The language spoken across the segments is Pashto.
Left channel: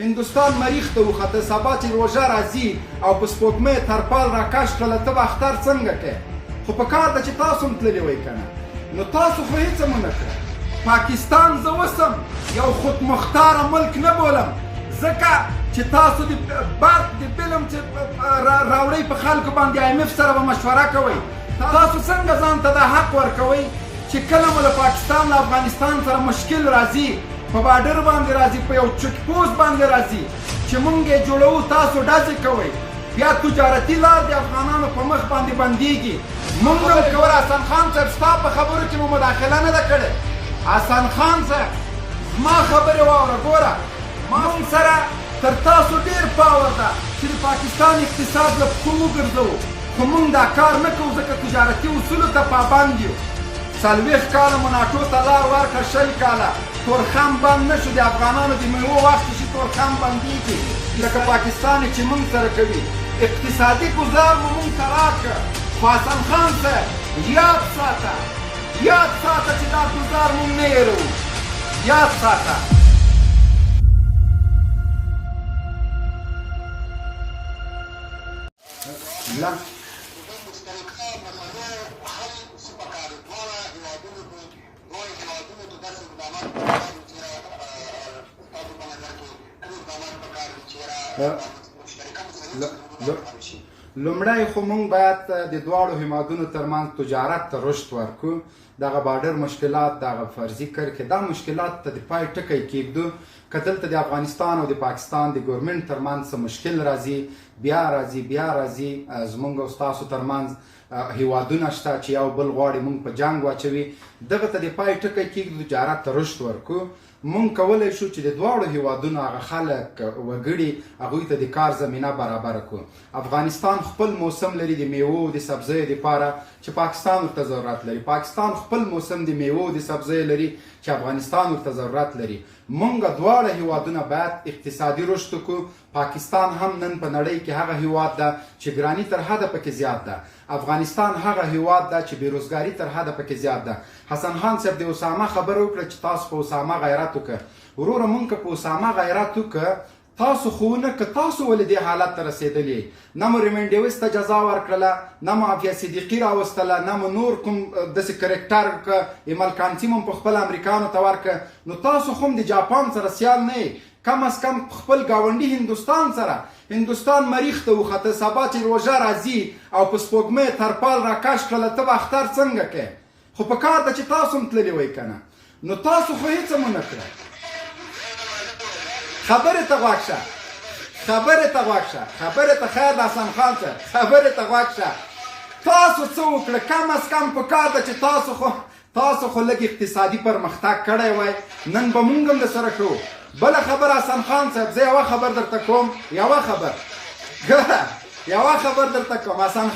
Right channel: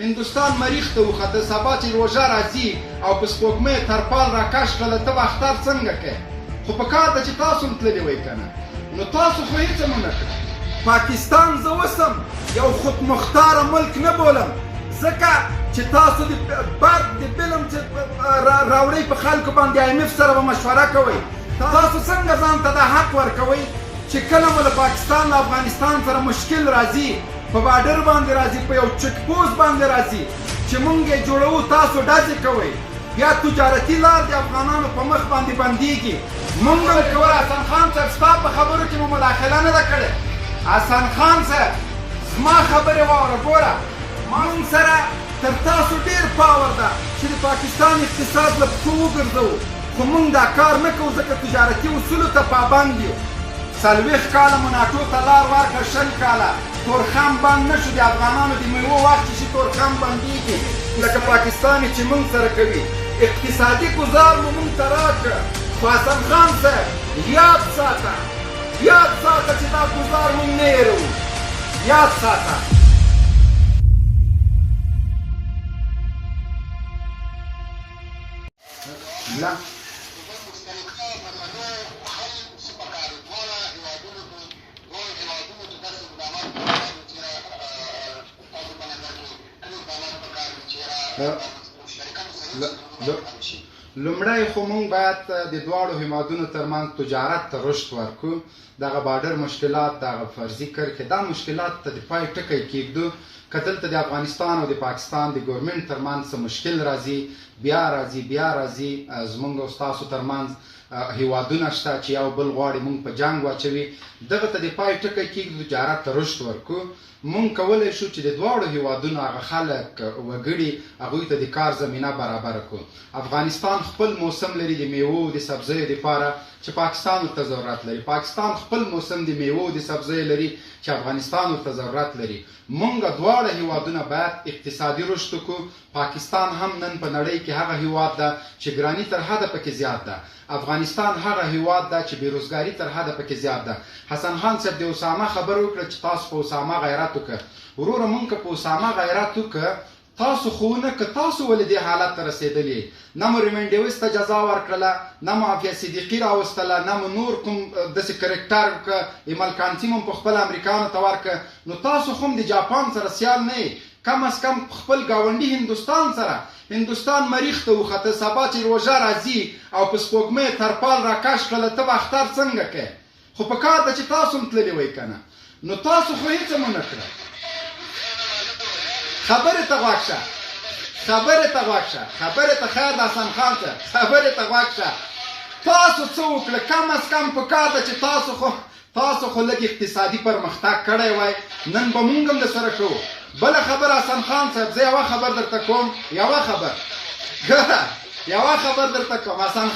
هندوستان مریخ ته وخته، سبا چې روژه راځي او په سپوږمۍ ترپال راکش کړله ته به اختر څنګه کوې؟ خو په کار ده چې تاسو هم تللي وئ که نه، نو تاسو خو هېڅ هم ونه کړه. پاکستان زه اوسم یو خودمختاره ملک نه بولم، ځکه چې تاسو د برق د فلم چې راوړئ په خلکو باندې IMF سره به مشوره کوئ. تاسو څنګه ځان ته دا حق ورکوئ چې کله مو له پاکستان له افغانستان سره مشکل راځي، په بارډر باندې راځي، په یو چک پوسټ باندې راځي چې مونږ یې جوړوو، تاسو ډزې کوئ، بیا تجارتي لار د افغانانو په مخ باندې بندېږي. مونږ هم کول. حسن خان صاحب ستا په خبرو کې مو مداخله نه ده کړې. حسن خان صاحب زما خبرې واوره، ګوره مونږ سره تر تاسو ډېر پاور ده چې د پاکستان اقتصاد له پښو وګرځوو، خو مونږ دا کار نه کوو ځکه تجارتي اصولو ته پابند یو. 40 کاله مو ناټو ته لار ورکړه، 20 کاله تورخم بند نه شو. د افغانانو د میوو وخت چې تورخم بندېږي لکه پاکستان چې مونږ سره کوي. اقتصادي ګزار مو مونږ ته راکړه، خو حسن خان صاحب یاد ساته چې دا ګزار مونږ نه هېروو، یاد ساته. لومړی خو مونږ باید د دواړو هیوادونو ترمنځ تجارت ته رشد ورکړو. دغه بارډر مشکلات، دغه فرضي کرښې، دا مشکلات ته د پای ټکی کېږدو. که دلته د افغانستان او د پاکستان د ګورمنټ ترمنځ څه مشکل راځي، بیا راځي زمونږ او ستاسو ترمنځ هیوادونه شته چې یو بل غواړي مونږ په جنګ واچوي. دغه ته د پای ټکی کېږدو، تجارت ته رشد ورکړو. مونږ کولی شو چې د دواړو هیوادونو هغه خلک وګړي هغوی ته د کار زمینه برابره کړو. افغانستان خپل موسم لري د میوو د سبزیو دپاره چې پاکستان ورته ضرورت لري. پاکستان خپل موسم د میوو د سبزیو لري چې افغانستان ورته ضرورت لري. مونږ دواړه هیوادونه باید اقتصادي رشد وکړو. پاکستان هم نن په نړۍ کې هغه هیواد ده چې ګراني تر حده پکې زیات ده. افغانستان هغه هیواد ده چې بېروزګاري تر حده پکې زیات ده. حسن خان صاحب د اسامه خبره وکړه چې تاسو په اسامه غیرت وکړه. وروره مونږ که په اسامه غیرت وکړه، تاسو خو ونه که تاسو ولې دې حالت ته رسېدلې، نه مو ریمنډیوس ته جزا ورکړله، نه مو عافیه صدیقي راوستله، نه مو نور کوم داسې کرکټر که ایمل کانسي مو په خپله امریکانو ته ورکړه، نو تاسو خو هم د جاپان سره سیال نه یې. کم از کم خپل ګاونډي هندوستان سره. هندوستان مریخ ته وخته، سبا چې روژه راځي او په سپوږمۍ ترپال راکش کړله ته به اختر څنګه کوې؟ خو په کار ده چې تاسو هم تللي وئ که نه، نو تاسو خو هېڅ هم ونه کړه. خبرې ته غوږ شه، خبرې ته خیر د حسن خان صاحب، خبرې ته غوږ شه. تاسو څه وکړه؟ کم از کم په کار ده چې تاسو خو لږ اقتصادي پرمختګ کړی وای، نن به مونږ هم درسره شو. بله خبره حسن خان صاحب، زه یوه خبر درته کوم، یوه خبر درته کوم. حسن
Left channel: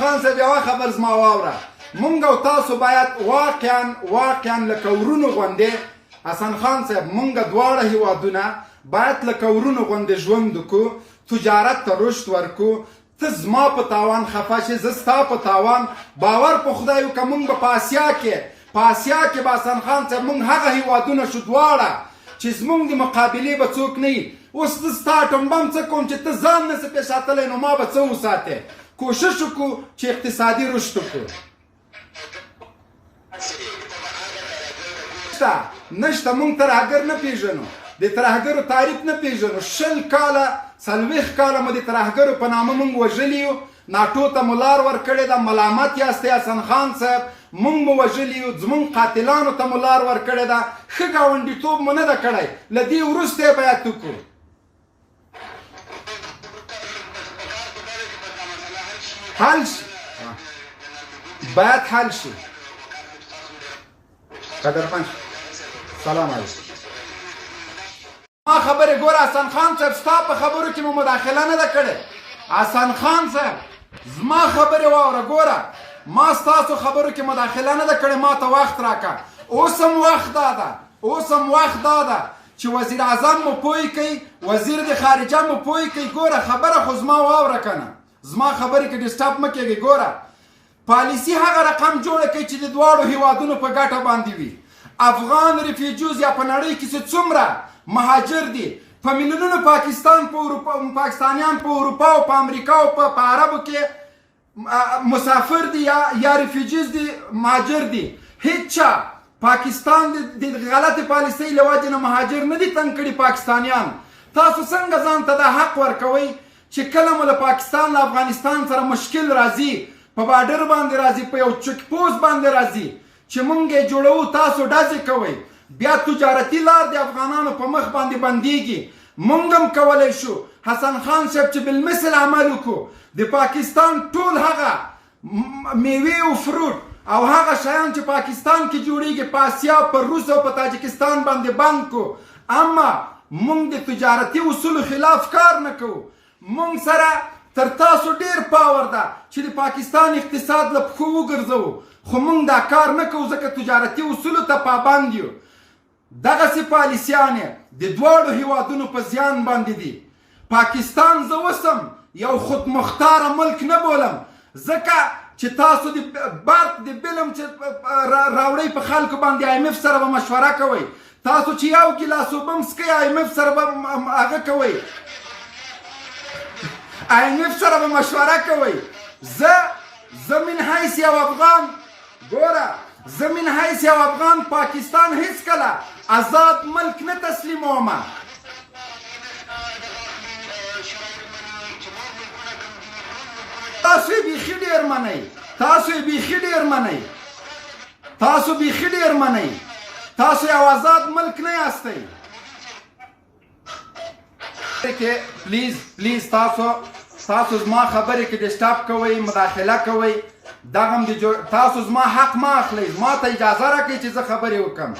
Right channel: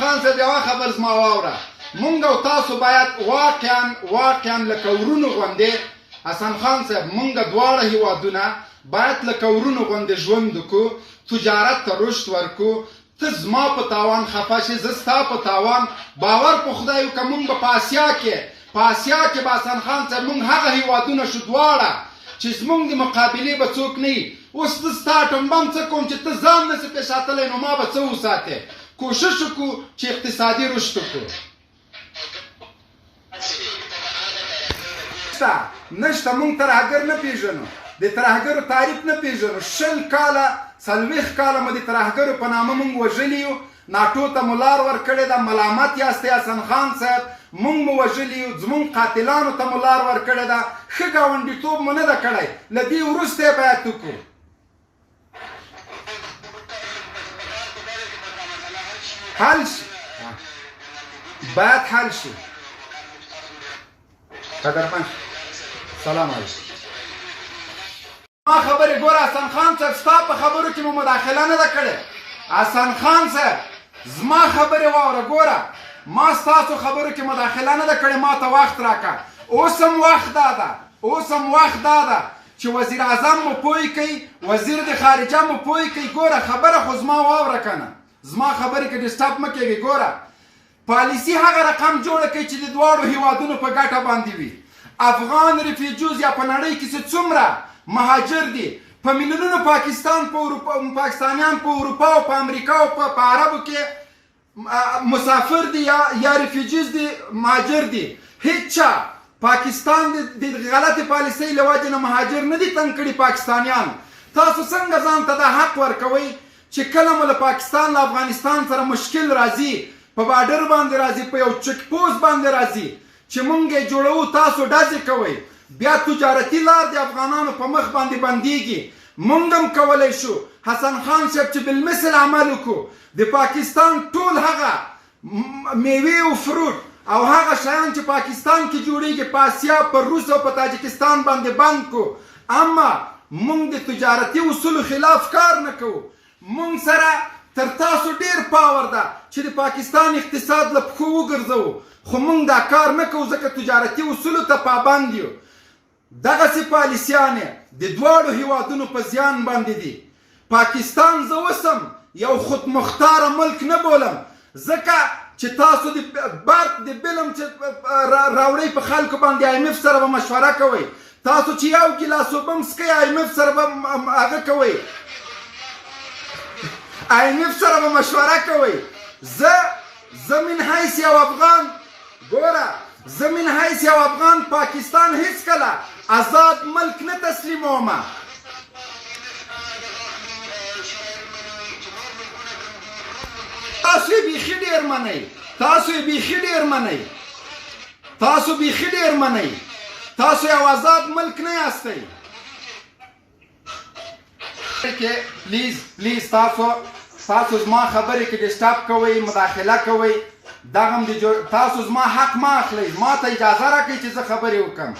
خان صاحب یوه خبر زما واوره. مونږ او تاسو باید واقعا لکه ورونو غوندې، حسن خان صاحب مونږ دواړه هیوادونه باید لکه ورونو غوندې ژوند وکړو، تجارت ته رشد ورکړو. ته زما په تاوان خفه شې، زه ستا په تاوان. باور په خدای وکړه مونږ به په آسیا کې به حسن خان صاحب مونږ هغه هیوادونه شو دواړه چې زمونږ د مقابلې به څوک نه وي. اوس زه ستا اټوم بم څه کوم چې ته ځان نسې پېښاتلی، نو ما به څه وساتې؟ کوشش وکړو چې اقتصادي رشد وکړو. نشته مونږ ترهګر نه پېژنو، د ترهګرو تعریف نه پېژنو. 20 کاله 40 کاله مو د ترهګرو په نامه مونږ وژلي یو. ناټو ته مو لار ورکړې ده، ملامت یاستئ حسن خان صاحب. مونږ مو وژلي یو، زمونږ قاتلانو ته مو لار ورکړې ده. ښه ګاونډیتوب مو نه ده کړی، له دې وروسته یې باید وکړو. باید حل شي. قدرمن سلام علیکم. ما خبرې ګوره حسن خان صاحب، ستا په خبرو کې مو مداخله نه ده کړې. حسن خان صاحب زما خبرې واوره، ګوره ما ستاسو خبرو کې مداخله نه ده کړې، ما ته وخت راکړه. اوس هم وخت دا ده چې وزیر اعظم مو پوی کوي، وزیر د خارجه مو پوی کوي. ګوره خبره خو زما واوره که نه، زما خبرې کې ډسټاپ مه کېږئ. ګوره پالیسي هغه رقم جوړه کوي چې د دواړو هیوادونو په ګټه باندې وي. افغان ریفیوجیز یا په نړۍ کې چې څومره مهاجر دي په میلیونونو پاکستانیان په اروپا او په امریکا او په عربو کې مسافر دي یا ریفیوجیز دي مهاجر دي هیڅ چا پاکستان د غلطې پالیسۍ له وجې نه مهاجر نه دي تنګ کړي پاکستانیان تاسو څنګه ځان ته دا حق ورکوئ چې کله مو له پاکستان له افغانستان سره مشکل راځي په بارډر باندې راځي په یو چک پوسټ باندې راځي چې مونږ یې جوړوو تاسو ډزې کوئ بیا تجارتي لار د افغانانو په مخ باندې بندیږي مونږ هم کولی شو حسن خان صاحب چې بالمثل عمل وکړو د پاکستان ټول هغه میوې او فروټ او هغه شیان چې پاکستان کې جوړیږي په اسیا په روس او په تاجکستان باندې بند کو اما مونږ د تجارتي اصولو خلاف کار نه کوو مونږ سره تر تاسو ډیر پاور ده چې د پاکستان اقتصاد له پښو وګرځوو خو مونږ دا کار نه کوو ځکه تجارتي اصولو ته پابند یو دغسې پالیسیانې د دواړو هیوادونو په زیان باندې دي پاکستان زه اوس هم یو خودمختاره ملک نه بولم ځکه چې تاسو د برق د بل هم چې راوړئ په خلکو باندې آی ایم اف سره به مشوره کوئ تاسو چې یو ګیلاس اوبه هم څښئ آی ایم اف سره به هغه کوئ آی ایم اف سره به مشوره کوئ زه من حیث یو افغان ګوره زه من حیث یو افغان پاکستان هیڅکله آزاد ملک نه تسلیمومه تاسو یې بیخي ډېر منئ تاسو یې بیخي ډېر منئ تاسو بیخي ډېر منئ تاسو یو آزاد ملک نه یاستئ پلیز تاسو زما خبرې کې ډسټاپ کوئ مداخله کوئ دغه هم تاسو زما حق ما اخلئ زما ته اجازه راکړئ چې زه خبرې وکړم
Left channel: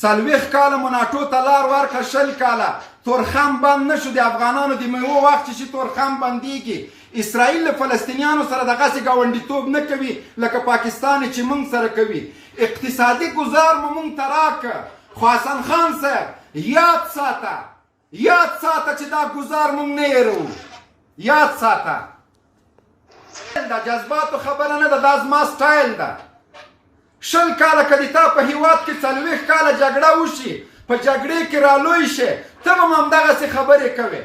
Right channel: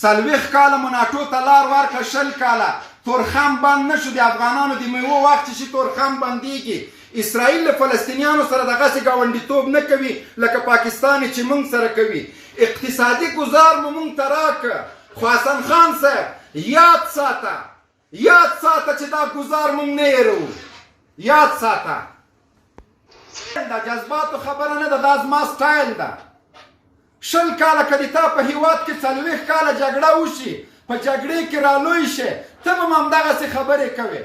40 کاله مو ناټو ته لار ورکړه 20 کاله تورخم بند نه شو د افغانانو د میوو وخت چې تورخم بندېږي اسرائیل له فلسطینیانو سره دغسې ګاونډیتوب نه کوي لکه پاکستان چې موږ سره کوي اقتصادي ګزار مو موږ ته راکړه خو حسن خان صاحب یاد ساته چې دا ګزار موږ نه هېروو یاد ساته دا جذباتو خبره نه ده دا زما سټایل ده 20 کاله که د تا په هیواد کې 40 کاله جګړه وشي په جګړې کې رالوی شي ته به هم همدغسې خبرې کوې